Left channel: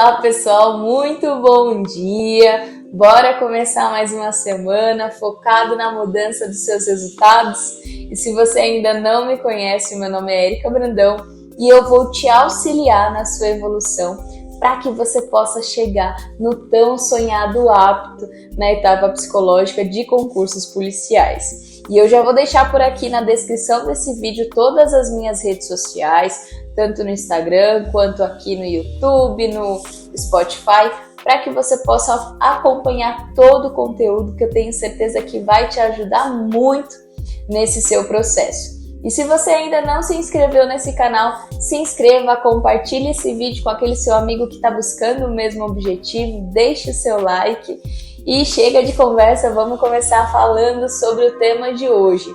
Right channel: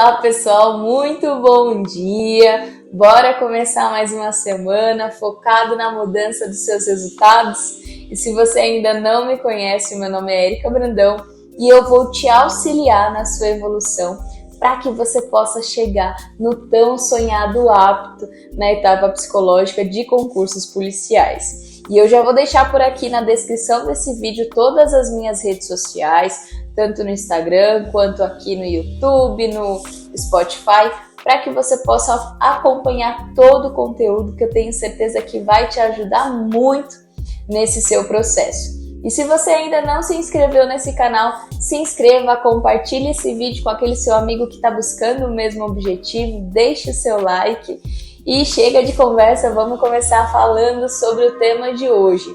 Olá pessoal, muito bom dia! Bora começar mais uma semana focado na mudança dos seus resultados? E se você ainda não me conhece, meu nome é Erika Brandão e eu vou te auxiliar na sua evolução para que você possa chegar no tão sonhado apto na etapa psicológica de concursos policiais. E eu já vou deixar por aqui na descrição desse vídeo todas as minhas redes sociais, tanto no Instagram quanto aqui no YouTube, no Spotify, para que você possa acompanhar todo o conteúdo que eu tenho certeza que vai te ajudar muito nesse seu processo. E se você ainda não se inscreveu nesse canal, se inscreva, compartilhe esse vídeo com aquele seu amigo que está buscando o mesmo objetivo, deixe o seu like e chega de conversa, vamos começar falando sobre o tema de hoje.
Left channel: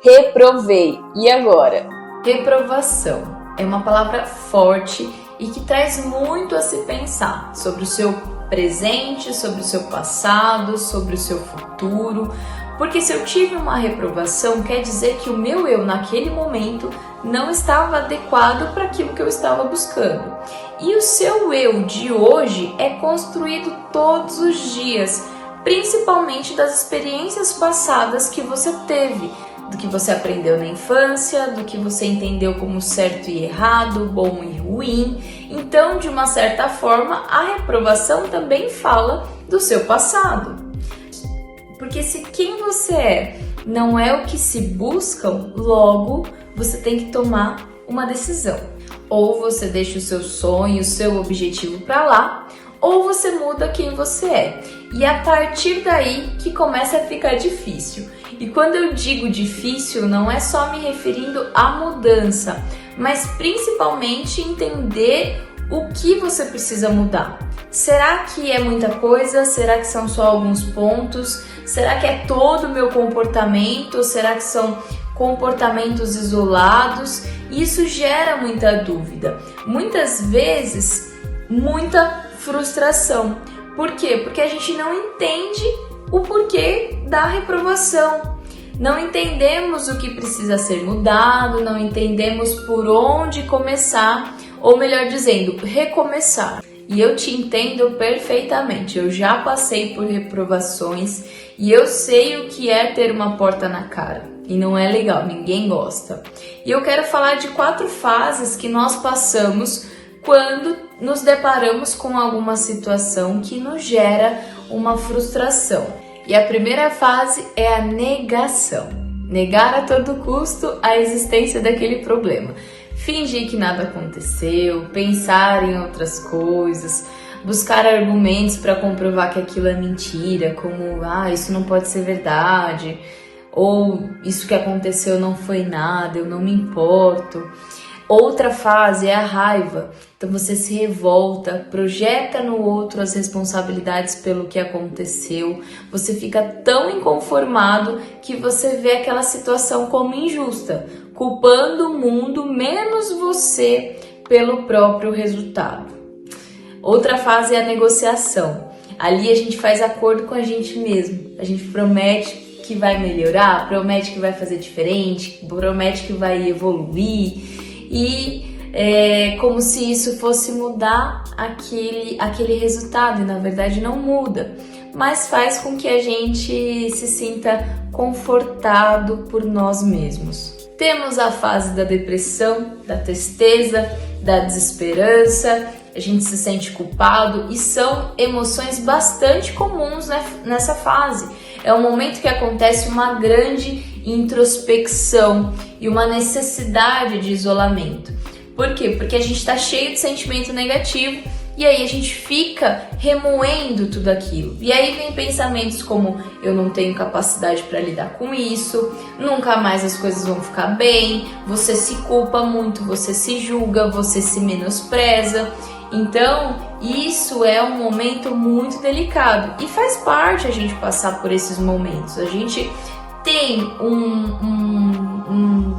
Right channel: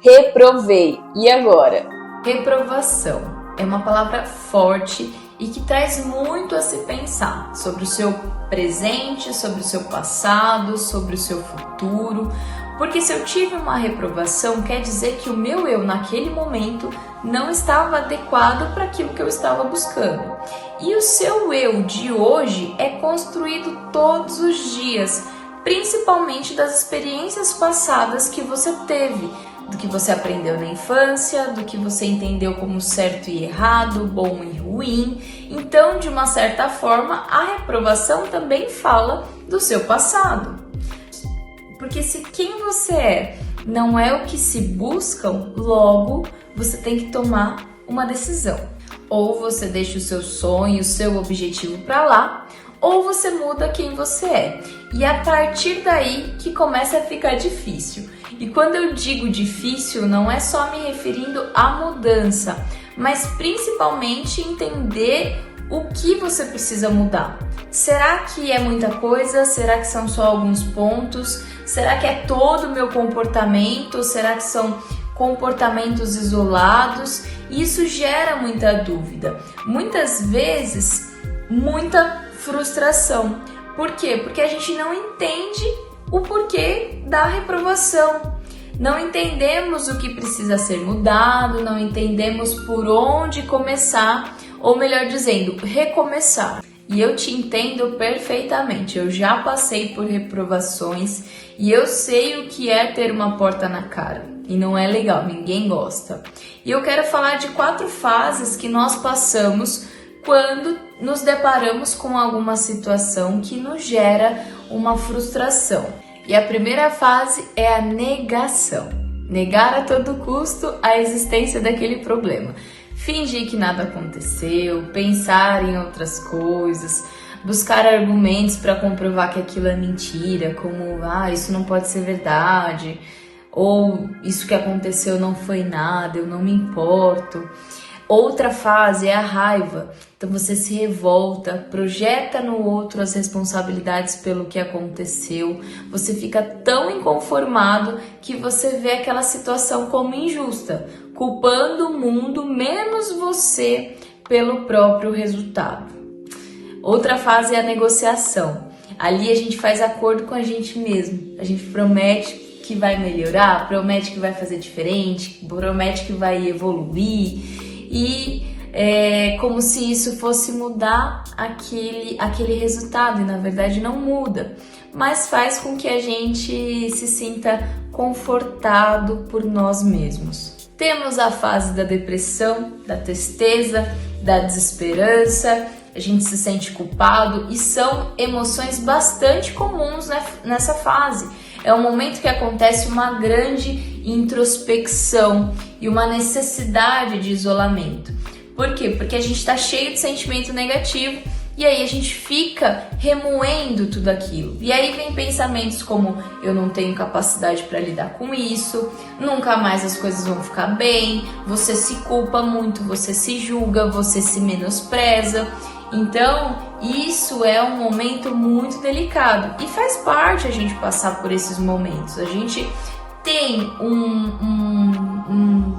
Reprovei. E agora? Reprovação é uma palavra forte e que traz muito a se pensar sobre o seu presente, sobre o seu passado, sobre o seu futuro. Porque se eu tive uma reprovação, quer dizer que o meu eu naquele momento não estava adequado para aquilo que eu estava buscando. E o seu eu de hoje é construído todos os dias, principalmente das experiências passadas que você teve, do que você aprendeu na infância, do que você entendeu como certo e errado, bom e ruim. Então, de uma certa forma, a reprovação também fala do seu passado. Porque se quem você é não é o que se buscam, logo você tem que tomar uma decisão. Ou você deixa o seu sonho, o seu objetivo para lá, ou você muda quem você é. E a partir daí que começa a ficar difícil. E quando eu digo difícil, não é só me referindo à mudança, mas principalmente entender o que você precisa mudar. Será que é muita coisa? Será que são só alguns pontos? Será que é todo o meu comportamento? Será que são comportamentos isolados? Isso gera muita dúvida. Muitas vezes, muita frustração. Por quê? Porque a gente não entende o porquê da reprovação. Não entendemos o que precisa ser mudado, não entendemos por onde começar, ou melhor dizendo, recomeçar. E eu te entendo perfeitamente, eu já passei por reprovações e eu sei o que é ter uma porta na cara. E não é legal, ninguém gosta. E eu quero falar de 4 fases que nós passamos quando nos deparamos com alguma situação que nos gera uma frustração. E a primeira fase é a negação. Negar a todo custo a existência daquele problema. Fingir que nada aconteceu, pensar em outras coisas, buscar argumentos para comprovar que aquilo é mentira, como isso não pode ser verdade, ou isso que aconteceu não foi nada, eu não me importo. Outra fase é a raiva. Então você se revolta, projeta no outro as responsabilidades pelo que aconteceu. Você fica tão inconformado que você vê aquela situação como injusta, culpando o mundo menos você pelo próprio resultado. Outra fase é a negociação. Ali a gente faz acordo com a gente mesmo. A gente promete que vai melhorar, promete que vai fazer diferente, promete que vai evoluir. E é como se isso fosse mudar aquele resultado, e na verdade não muda, mas faz com que a gente se sinta confortado por nós mesmos. Temos a fase da depressão, da tristeza, da desesperança, a gente se sente culpado e são emoções bastante comuns nessa fase. É um momento que acontece uma grande introspecção e uma necessidade de isolamento. Por quê? Porque a gente está cheio de sentimento negativo e aí a gente fica remoendo tudo aquilo. E aí vem pensamentos como eu não tenho capacidade para lidar com isso, nunca mais as coisas vão ficar bem, você se culpa muito, você se julga, você se menospreza. Então, isso é um momento muito delicado e faz parte a gente passar por esses momentos. A gente tem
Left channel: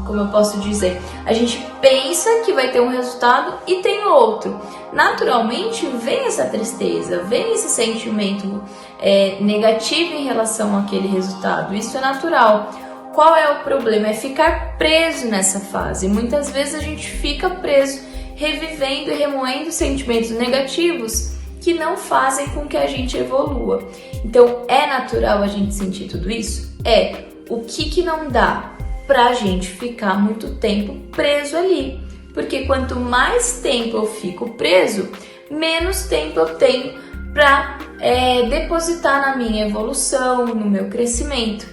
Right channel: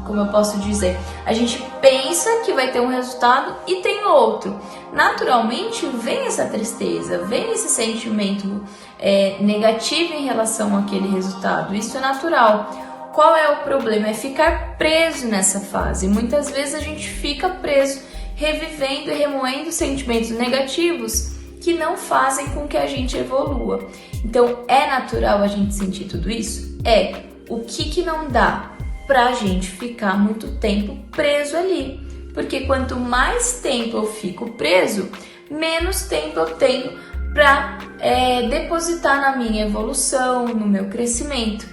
como eu posso dizer, a gente pensa que vai ter um resultado e tem outro. Naturalmente vem essa tristeza, vem esse sentimento negativo em relação àquele resultado. Isso é natural. Qual é o problema? É ficar preso nessa fase. Muitas vezes a gente fica preso revivendo e remoendo sentimentos negativos que não fazem com que a gente evolua. Então, é natural a gente sentir tudo isso? É. O que não dá pra gente ficar muito tempo preso ali? Porque quanto mais tempo eu fico preso, menos tempo eu tenho para depositar na minha evolução, no meu crescimento.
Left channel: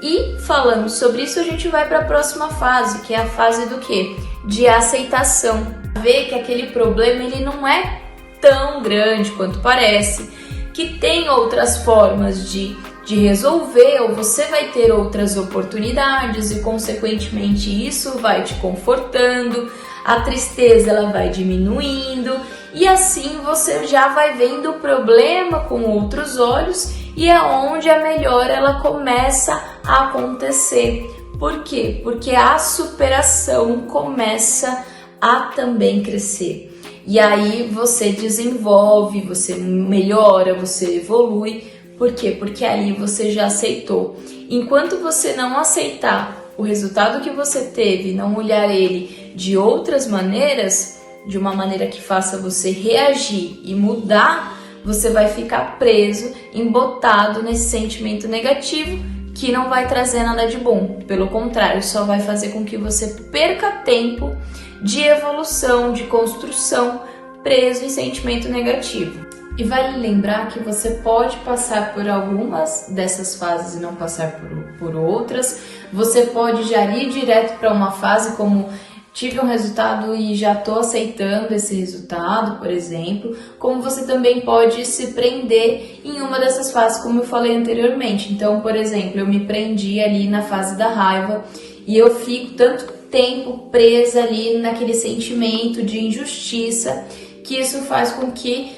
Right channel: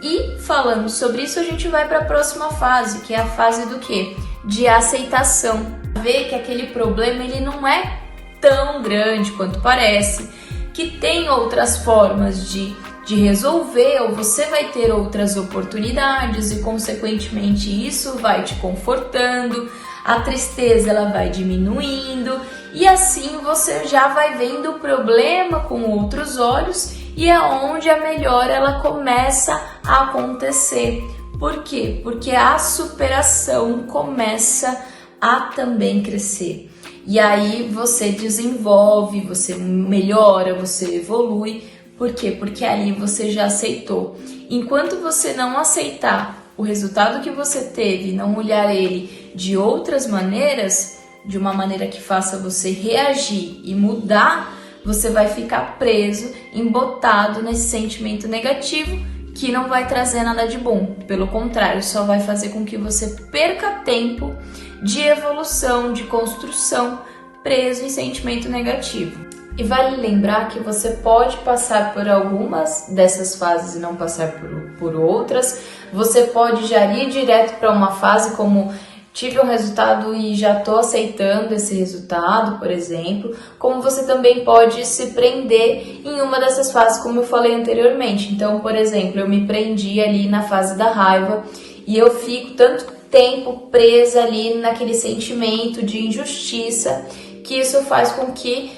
E falando sobre isso, a gente vai para a próxima fase, que é a fase do quê? De aceitação. Ver que aquele problema ele não é tão grande quanto parece, que tem outras formas de resolver, ou você vai ter outras oportunidades e consequentemente isso vai te confortando, a tristeza ela vai diminuindo e assim você já vai vendo o problema com outros olhos e é onde a melhora ela começa a acontecer. Por quê? Porque a superação começa a também crescer. E aí você desenvolve, você melhora, você evolui. Por quê? Porque ali você já aceitou. Enquanto você não aceitar o resultado que você teve, não olhar ele de outras maneiras, de uma maneira que faça você reagir e mudar, você vai ficar preso, embotado nesse sentimento negativo que não vai trazer nada de bom. Pelo contrário, só vai fazer com que você perca tempo de evolução, de construção, preso em sentimento negativo. E vale lembrar que você pode passar por algumas dessas fases e não passar por outras. Você pode já ir direto para uma fase como tive um resultado e já estou aceitando esse resultado, por exemplo. Como você também pode se prender em uma dessas fases, como eu falei anteriormente. Então, por exemplo, eu me prendi ali na fase da raiva e eu fico tanto tempo presa ali naquele sentimento de injustiça que isso faz com que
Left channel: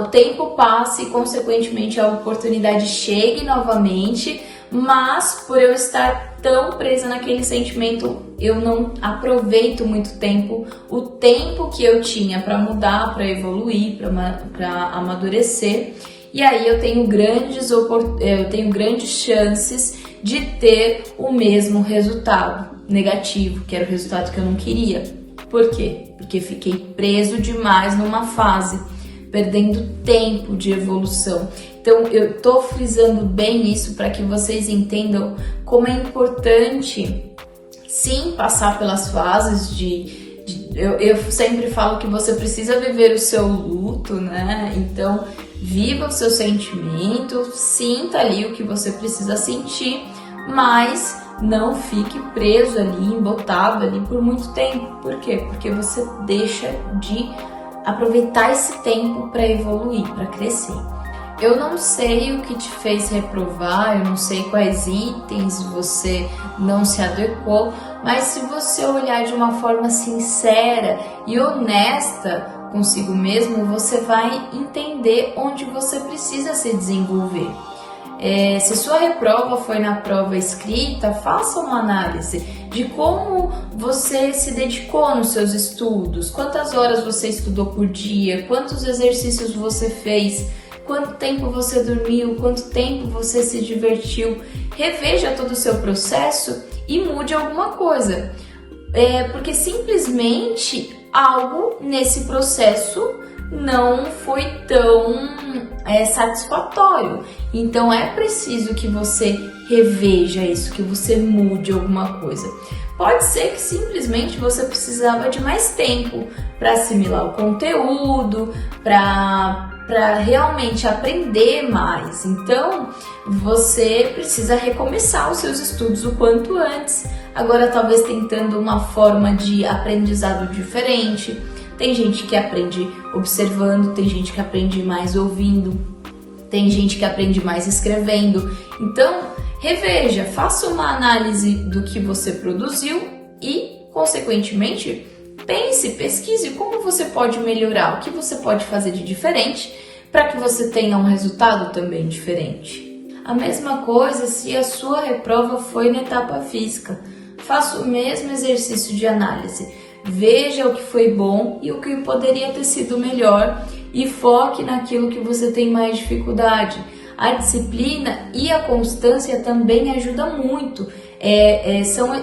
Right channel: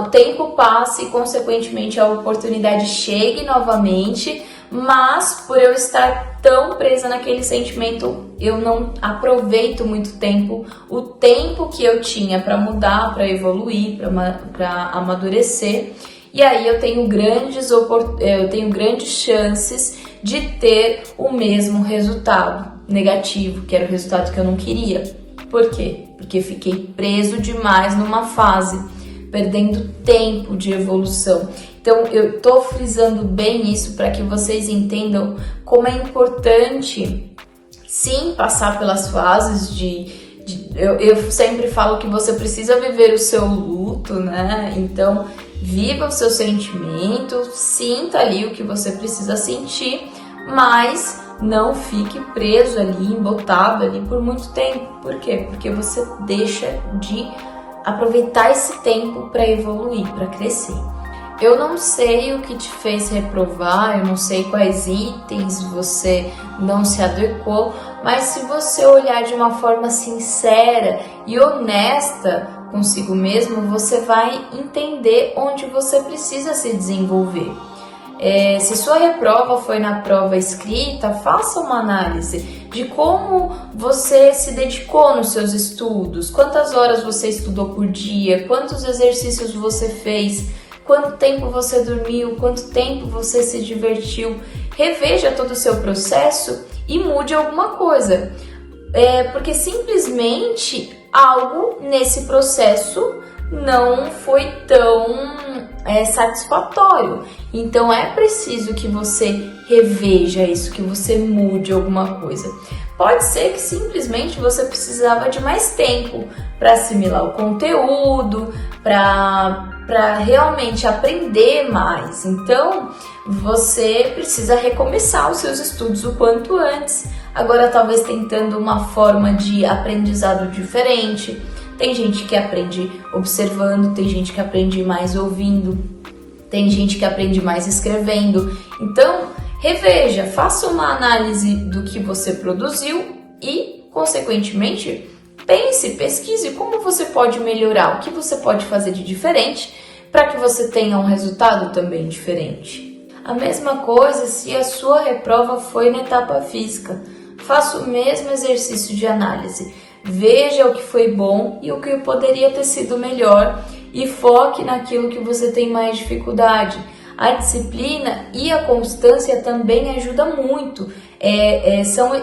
o tempo passe e, consequentemente, a oportunidade chegue novamente, mas por eu estar tão presa naquele sentimento, eu não aproveito muito tempo, o tempo que eu tinha para mudar, para evoluir, para amadurecer, e aí eu tenho grandes chances de ter o mesmo resultado negativo, que era o resultado que eu não queria. Por quê? Porque fiquei preso demais numa fase, perdendo tempo de evolução. Então, eu tô frisando bem isso para que vocês entendam como é importante, sim, passar pelas fases eu sempre falo que você precisa viver o seu luto, né? Então, viva o seu sentimento, sinta ali o que você precisa sentir, mas não fique preso ali, embotado ali por muito tempo. Por quê? Porque você deixa de aproveitar esse tempo para evoluir, para crescer. Eu não sei o que te fez reprovar, eu não sei quais itens você não se adequou, mas se você olhar de uma forma sincera e honesta consigo mesmo, você vai entender onde você precisa se desenvolver. Se sua reprova foi na prova escrita, faça uma análise de como você se dedicou nos seus estudos, quantas horas você estudou por dia, quantos exercícios você fez, quanto tempo você dormiu, quanto tempo você se divertiu. Reveja todo o seu processo e mude alguma coisa, porque simplesmente algo nesse processo não foi tão satisfatório. Então é preciso que você reveja isso, que você mude alguma coisa. Pode ser que simplesmente você precisava de mais tempo para assimilar o conteúdo, para realmente aprender mais. Então você precisa recomeçar os seus estudos o quanto antes. Agora talvez tentando uma forma de aprendizado diferente. Tem gente que aprende observando, tem gente que aprende mais ouvindo, tem gente que aprende mais escrevendo. Então, reveja, faça uma análise do que você produziu e, consequentemente, pesquise como você pode melhorar, o que você pode fazer de diferente para que você tenha um resultado também diferente. A mesma coisa se a sua reprova foi na etapa física. Faça o mesmo exercício de análise. Veja o que foi bom e o que poderia ter sido melhor e foque naquilo que você tem mais dificuldade. A disciplina e a constância também ajudam muito. São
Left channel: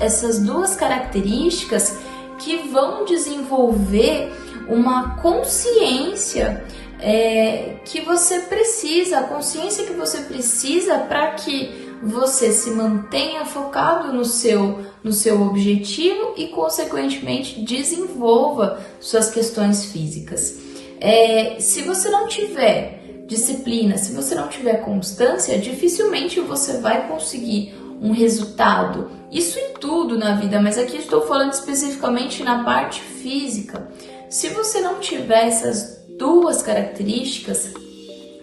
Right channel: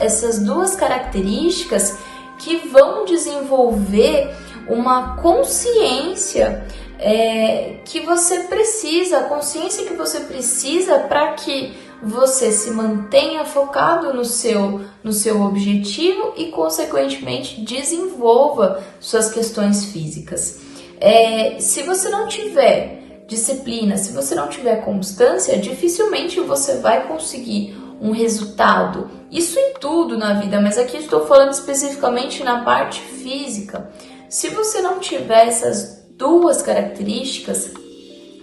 essas duas características que vão desenvolver uma consciência que você precisa, a consciência que você precisa para que você se mantenha focado no seu objetivo e, consequentemente, desenvolva suas questões físicas. Se você não tiver disciplina, se você não tiver constância, dificilmente você vai conseguir um resultado. Isso em tudo na vida, mas aqui estou falando especificamente na parte física. Se você não tiver essas duas características,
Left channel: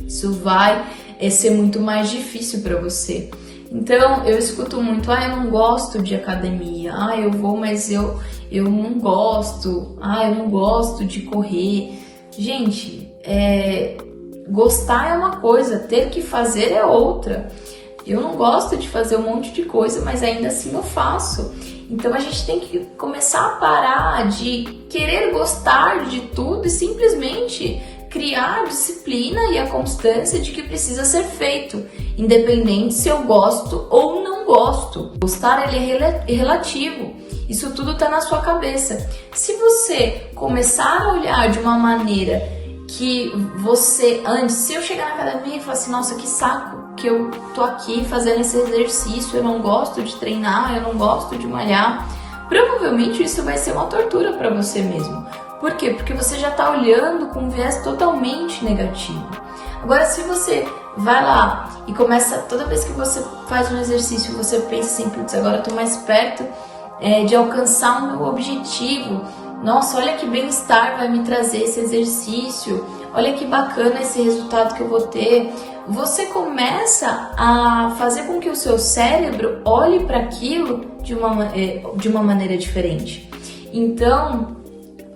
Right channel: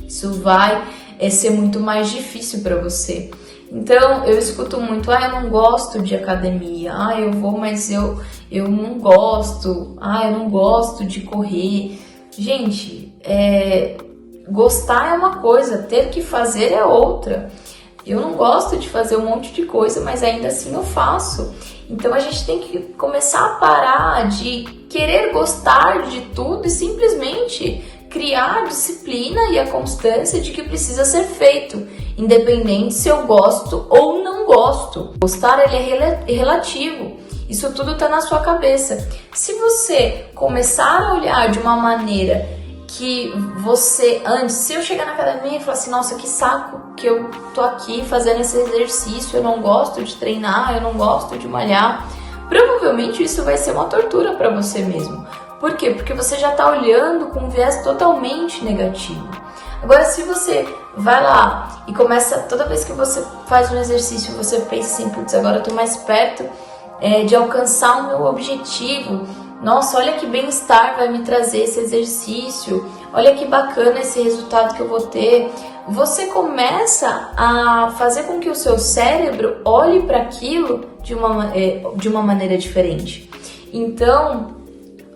isso vai ser muito mais difícil para você. Então, eu escuto muito, eu não gosto de academia, eu vou, mas eu não gosto, eu não gosto de correr. Gente, gostar é uma coisa, ter que fazer é outra. Eu não gosto de fazer um monte de coisa, mas ainda assim eu faço. Então a gente tem que começar a parar de querer gostar de tudo e simplesmente criar a disciplina e a constância de que precisa ser feito, independente se eu gosto ou não gosto. Gostar ele é relativo, isso tudo está na sua cabeça. Se você começar a olhar de uma maneira que você, antes, se eu chegar na academia e falar assim, nossa, que saco que eu tô aqui fazendo esse exercício, eu não gosto de treinar, eu não gosto de malhar, provavelmente isso vai ser uma tortura para você mesmo. Por quê? Porque você já tá olhando com um viés totalmente negativo. Agora, se você vai lá e começa, toda vez que você faz um exercício, você pensa assim, putz, agora eu tô mais perto de alcançar o meu objetivo. Nossa, olha que bem-estar vai me trazer esse exercício, olha que bacana esse resultado que eu vou ter. Você começa a fazer com que o seu cérebro olhe para aquilo de uma maneira diferente. Então,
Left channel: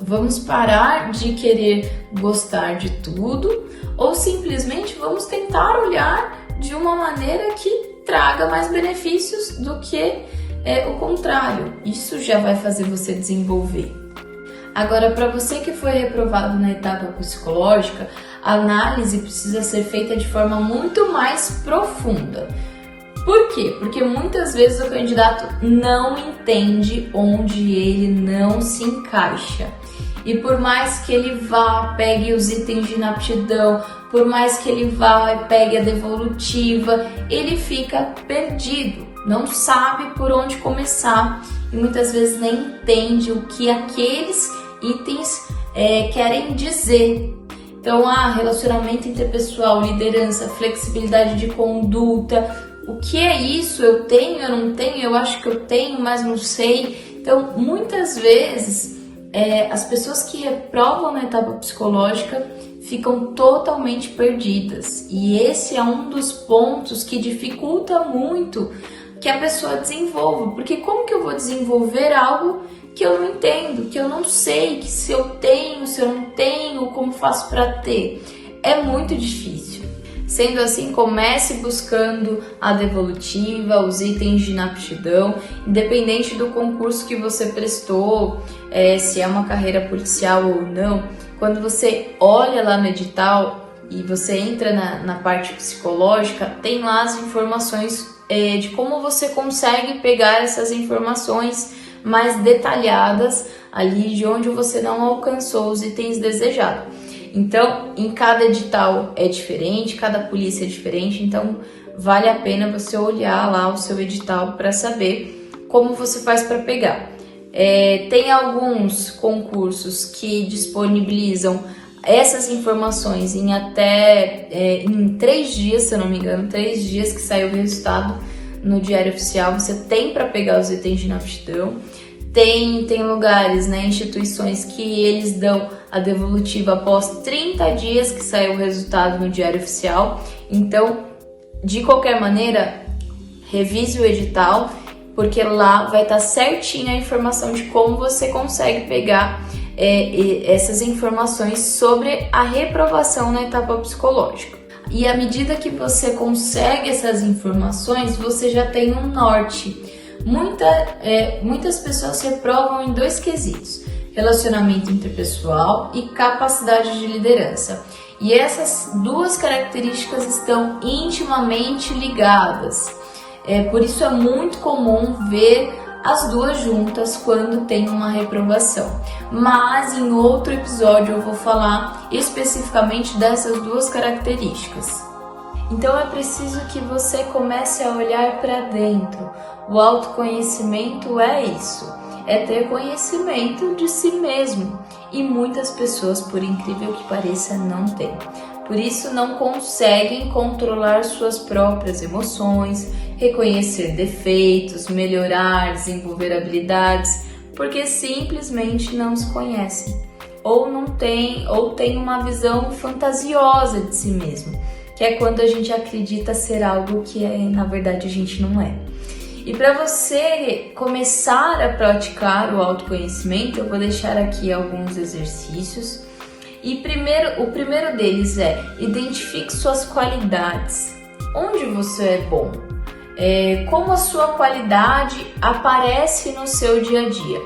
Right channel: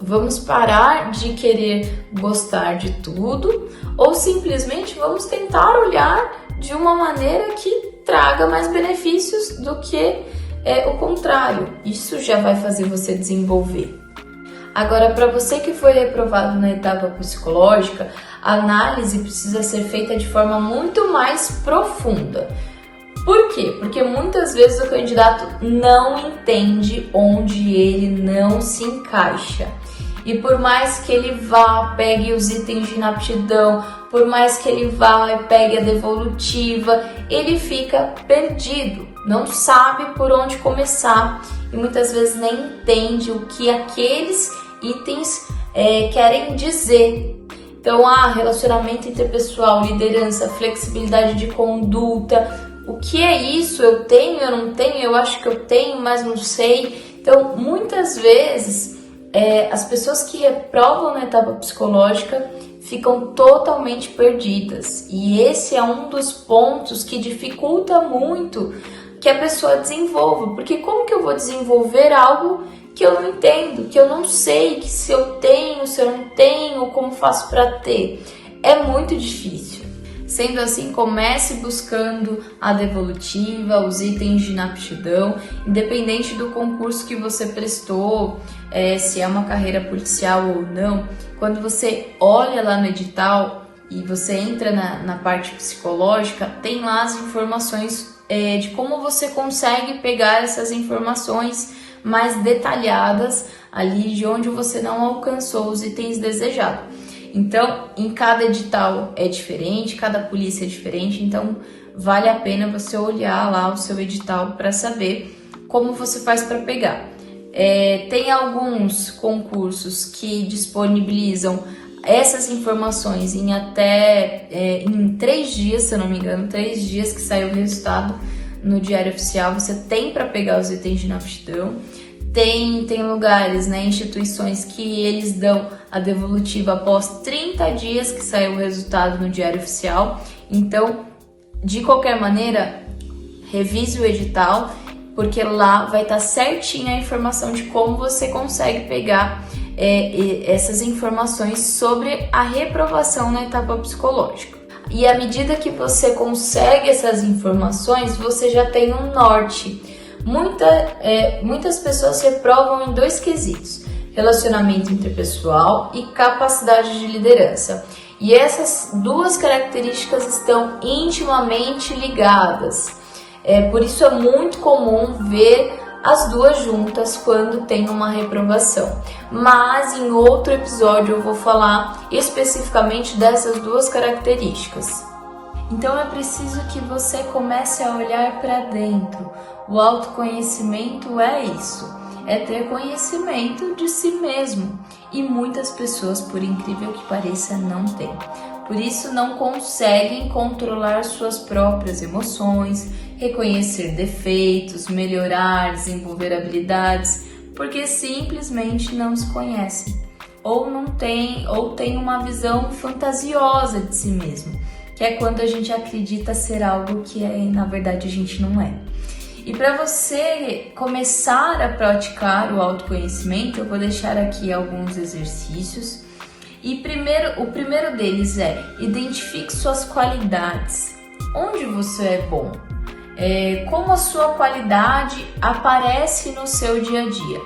vamos parar de querer gostar de tudo ou simplesmente vamos tentar olhar de uma maneira que traga mais benefícios do que o contrário. Isso já vai fazer você desenvolver. Agora, para você que foi reprovado na etapa psicológica, a análise precisa ser feita de forma muito mais profunda. Por quê? Porque muitas vezes o candidato não entende onde ele não se encaixa. E por mais que ele vá, pegue os itens de inaptidão, por mais que ele vá e pegue a devolutiva, ele fica perdido, não sabe por onde começar e muitas vezes nem entende o que aqueles itens querem dizer. Então, relacionamento interpessoal, liderança, flexibilidade de conduta, o que é isso? Eu tenho, eu não tenho, eu acho que eu tenho, mas não sei. Então, muitas vezes, as pessoas que reprovam na etapa psicológica ficam totalmente perdidas. E esse é um dos pontos que dificulta muito que a pessoa desenvolva. Porque como que eu vou desenvolver algo que eu não entendo, que eu não sei, que se eu tenho, se eu não tenho, como faço para ter? É muito difícil. Sendo assim, comece buscando a devolutiva, os itens de inaptidão, independente do concurso que você prestou, se é uma carreira policial ou não. Quando você olha lá no edital e você entra na parte psicológica, tem lá as informações de como você consegue pegar essas informações mais detalhadas ali de onde você não alcançou os itens desejados. Então, em cada edital é diferente, cada polícia é diferente, então vale a pena você olhar lá o seu edital para saber como você faz para pegar. Tem alguns concursos que disponibilizam essas informações em até em 3 dias, se eu não me engano, 3 dias que sai o resultado no Diário Oficial, você tem para pegar os itens de inaptidão. Tem lugares, instituições que eles dão a devolutiva após 30 dias que sai o resultado no Diário Oficial. Então, de qualquer maneira, revise o edital, porque lá vai estar certinha a informação de como você consegue pegar essas informações sobre a reprovação na etapa psicológica. E à medida que você consegue essas informações, você já tem um norte. Muitas pessoas reprovam em 2 quesitos: relacionamento interpessoal e capacidade de liderança. E essas 2 características estão intimamente ligadas. Por isso é muito comum ver as duas juntas quando tem uma reprovação. Mas em outro episódio eu vou falar especificamente dessas duas características. Então é preciso que você comece a olhar para dentro. O autoconhecimento é isso, é ter conhecimento de si mesmo. E muitas pessoas, por incrível que pareça, não têm. Por isso não conseguem controlar suas próprias emoções, reconhecer defeitos, melhorar, desenvolver habilidades, porque simplesmente não se conhecem. Ou tem uma visão fantasiosa de si mesmo, que é quando a gente acredita ser algo que na verdade a gente não é. E para você começar a praticar o autoconhecimento, eu vou deixar aqui alguns exercícios. E o primeiro deles é: identifique suas qualidades. Onde você é bom? Como a sua qualidade aparece no seu dia a dia?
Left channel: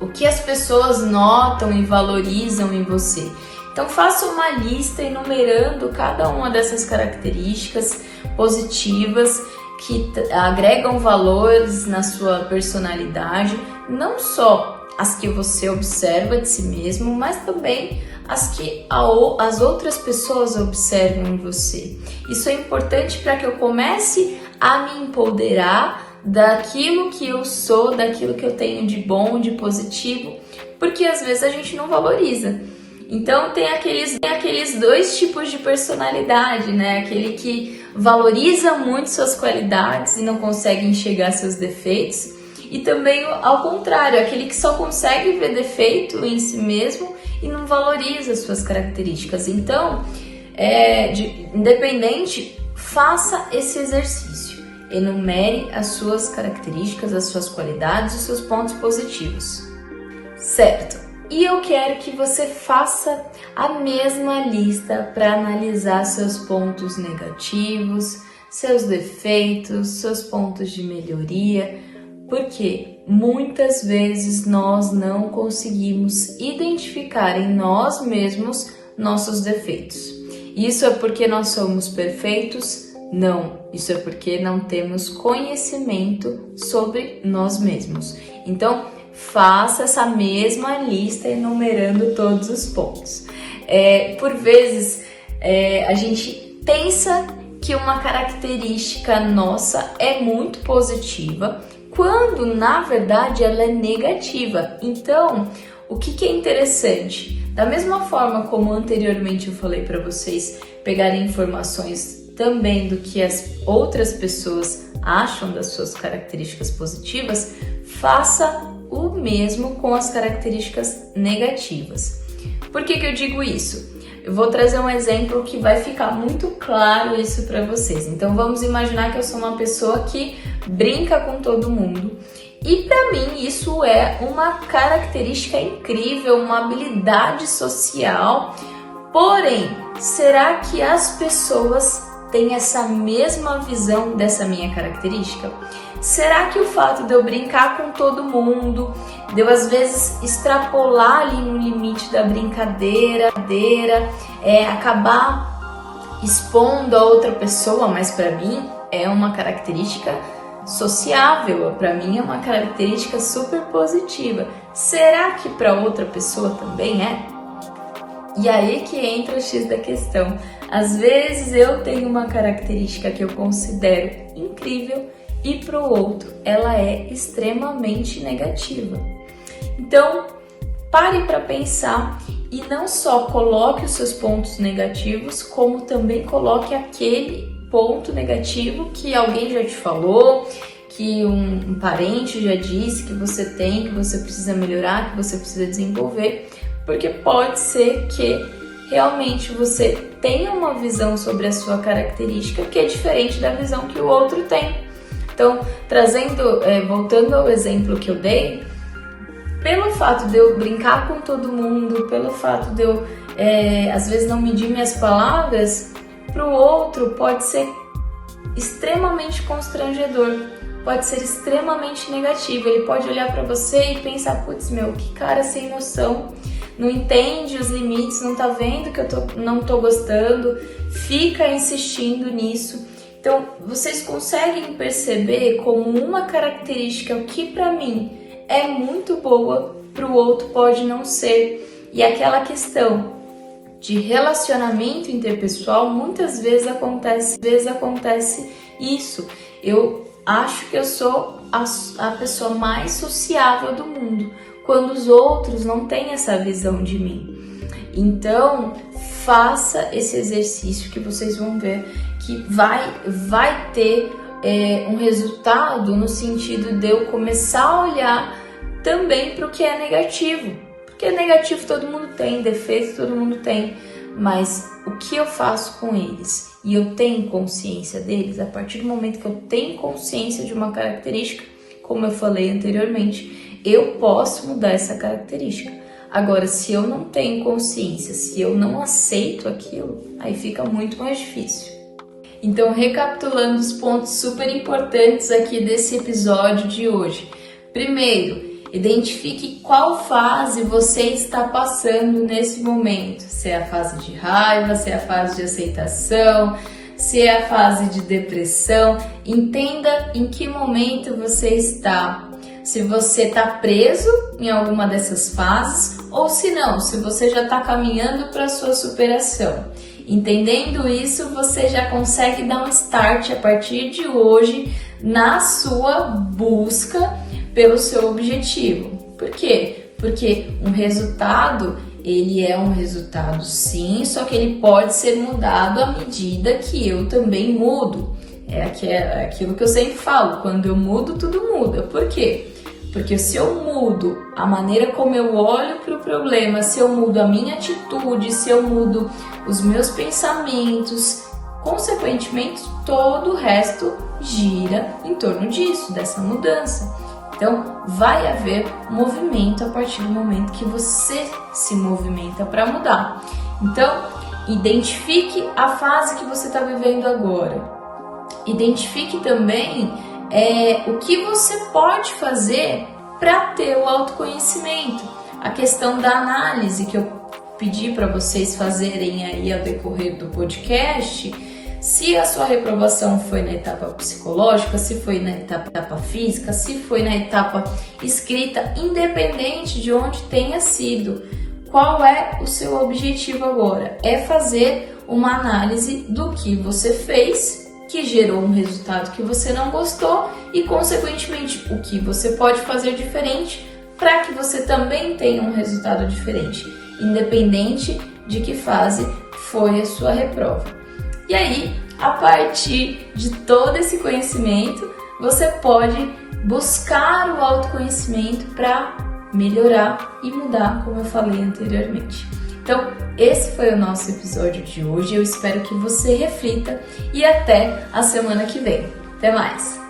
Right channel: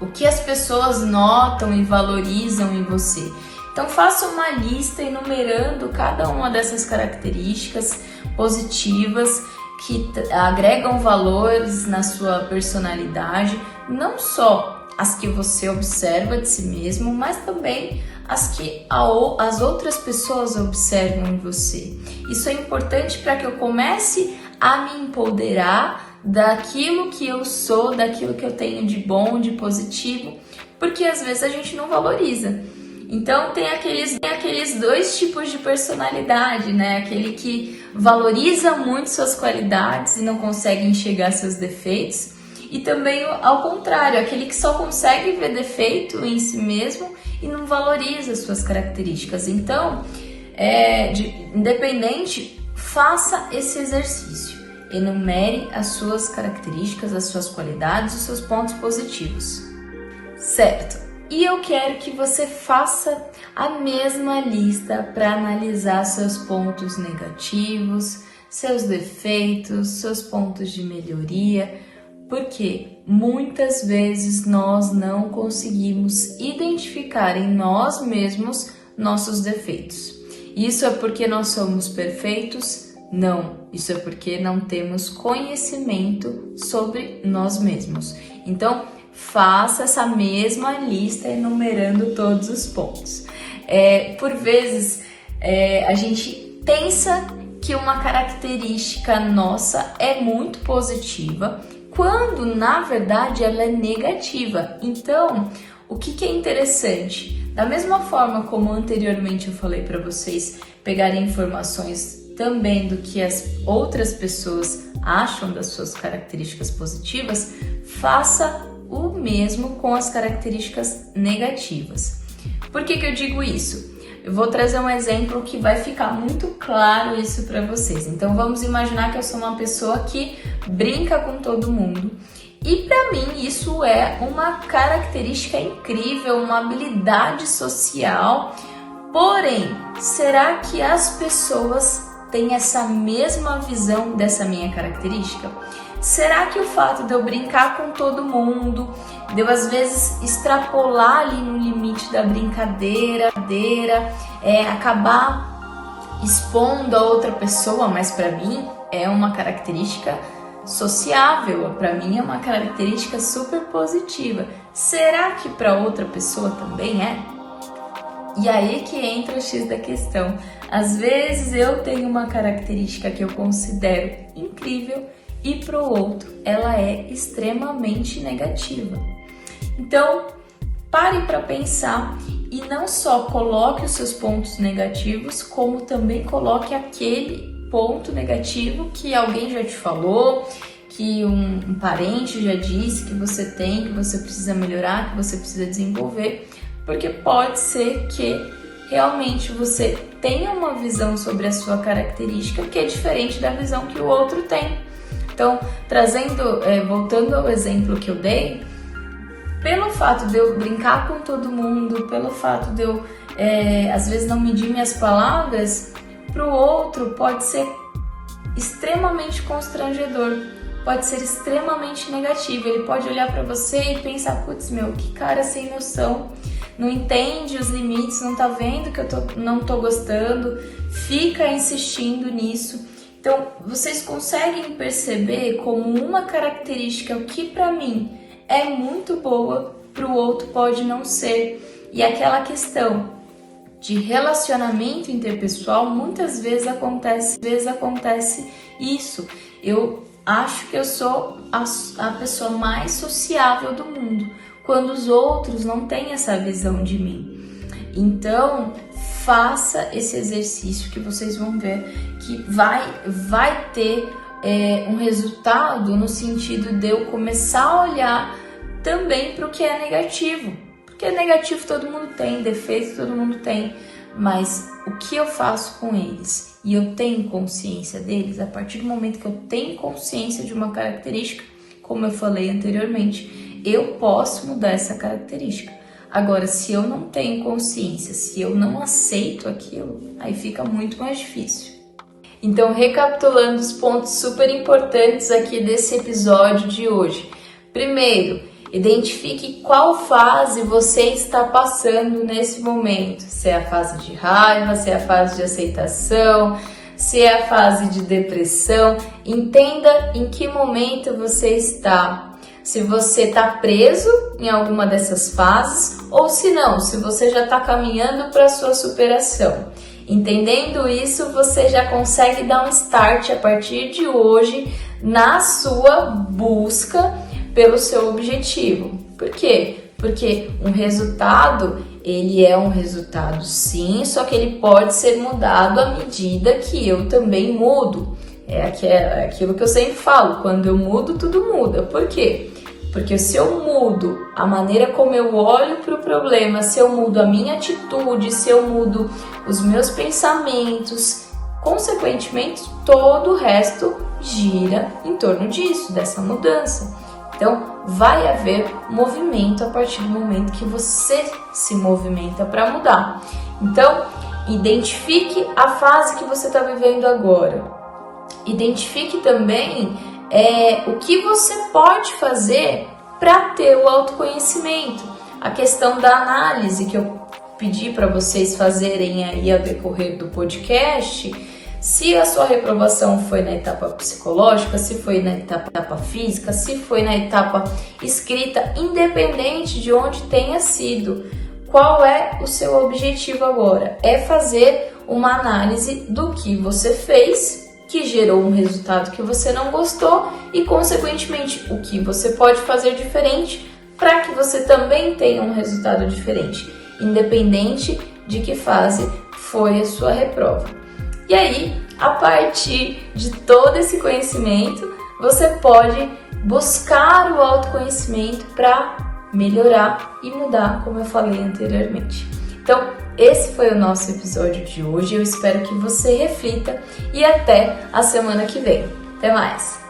O que as pessoas notam e valorizam em você? Então faça uma lista enumerando cada uma dessas características positivas que agregam valores na sua personalidade, não só as que você observa de si mesmo, mas também as que as outras pessoas observam em você. Isso é importante para que eu comece a me empoderar daquilo que eu sou, daquilo que eu tenho de bom, de positivo, porque às vezes a gente não valoriza. Então tem aqueles dois tipos de personalidade, né? Aquele que valoriza muito suas qualidades e não consegue enxergar seus defeitos. E também ao contrário, aquele que só consegue ver defeito em si mesmo e não valoriza suas características. Então, independente, faça esse exercício. Enumere as suas características, as suas qualidades, os seus pontos positivos. Certo? E eu quero que você faça a mesma lista para analisar seus pontos negativos, seus defeitos, seus pontos de melhoria, porque muitas vezes nós não conseguimos identificar em nós mesmos nossos defeitos. Isso é porque nós somos perfeitos? Não, isso é porque não temos conhecimento sobre nós mesmos. Então, faça essa mesma lista enumerando todos os pontos. Por vezes, a gente pensa que uma característica nossa é muito positiva, quando na verdade ela é negativa. Então, o que é interessante? Da mesma forma como anteriormente eu falei para vocês pegarem informações também do que as outras pessoas acham das suas características positivas, faça o mesmo com as características negativas. Por que eu digo isso? Eu vou trazer um exemplo que vai ficar muito claro isso para vocês. Então vamos imaginar que eu sou uma pessoa que brinca com todo mundo. E para mim isso é uma característica incrível, uma habilidade social. Porém, será que as pessoas têm essa mesma visão dessa minha característica? Será que o fato de eu brincar com todo mundo, de eu às vezes extrapolar ali no limite da brincadeira, acabar expondo a outra pessoa, mas para mim é uma característica sociável, para mim é uma característica super positiva. Será que para outra pessoa também é? E aí que entra o X da questão. Às vezes eu tenho uma característica que eu considero incrível e para o outro ela é extremamente negativa. Então, pare para pensar e não só coloque os seus pontos negativos, como também coloque aquele ponto negativo que alguém já te falou, que um parente já disse que você tem, que você precisa melhorar, que você precisa desenvolver, porque pode ser que realmente você tenha uma visão sobre a sua característica que é diferente da visão que o outro tem. Então, voltando ao exemplo que eu dei, pelo fato de eu brincar com todo mundo, pelo fato de eu, às vezes, não medir minhas palavras, para o outro pode ser extremamente constrangedor, pode ser extremamente negativo. Ele pode olhar para você e pensar, putz, que cara sem noção, não entende os limites, não tá vendo que eu não tô gostando, fica insistindo nisso. Então, vocês conseguem perceber como uma característica que para mim é muito boa, para o outro pode não ser. E aquela questão de relacionamento interpessoal, muitas vezes acontece isso. Eu acho que eu sou a pessoa mais sociável do mundo, quando os outros não têm essa visão de mim. Então, faça esse exercício que vocês vão ver que vai ter um resultado no sentido de eu começar a olhar também para o que é negativo. Porque negativo todo mundo tem, defeito todo mundo tem, mas o que eu faço com eles e eu tenho consciência deles, a partir do momento que eu tenho consciência de uma característica, como eu falei anteriormente, eu posso mudar essa característica. Agora, se eu não tenho consciência, se eu não aceito aquilo, aí fica muito mais difícil. Então, recapitulando os pontos super importantes aqui desse episódio de hoje. Primeiro, identifique qual fase você está passando nesse momento. Se é a fase de raiva, se é a fase de aceitação, se é a fase de depressão. Entenda em que momento você está. Se você está preso em alguma dessas fases ou se não, se você já está caminhando para a sua superação. Entendendo isso, você já consegue dar um start a partir de hoje na sua busca pelo seu objetivo. Por quê? Porque um resultado, ele é um resultado sim, só que ele pode ser mudado à medida que eu também mudo. É aquilo que eu sempre falo, quando eu mudo, tudo muda. Por quê? Porque se eu mudo a maneira como eu olho para o problema, se eu mudo a minha atitude, se eu mudo os meus pensamentos, consequentemente todo o resto gira em torno disso, dessa mudança. Então vai haver movimento a partir do momento que você se movimenta para mudar. Então identifique a fase que você está vivendo agora. Identifique também o que você pode fazer para ter o autoconhecimento. A questão da análise que eu pedi para vocês fazerem aí ao decorrer do podcast, se a sua reprovação foi na etapa psicológica, se foi na etapa física, se foi na etapa escrita, independente de onde tenha sido, qual é o seu objetivo agora? É fazer uma análise do que você fez, que gerou um resultado que você não gostou e, consequentemente, o que você pode fazer diferente para que você também tenha um resultado diferente, independente de que fase foi a sua reprova. E aí, a partir de todo esse conhecimento, você pode buscar o autoconhecimento para melhorar e mudar, como eu falei anteriormente. Então, esse foi o nosso episódio de hoje. Eu espero que você reflita e até a semana que vem. Até mais!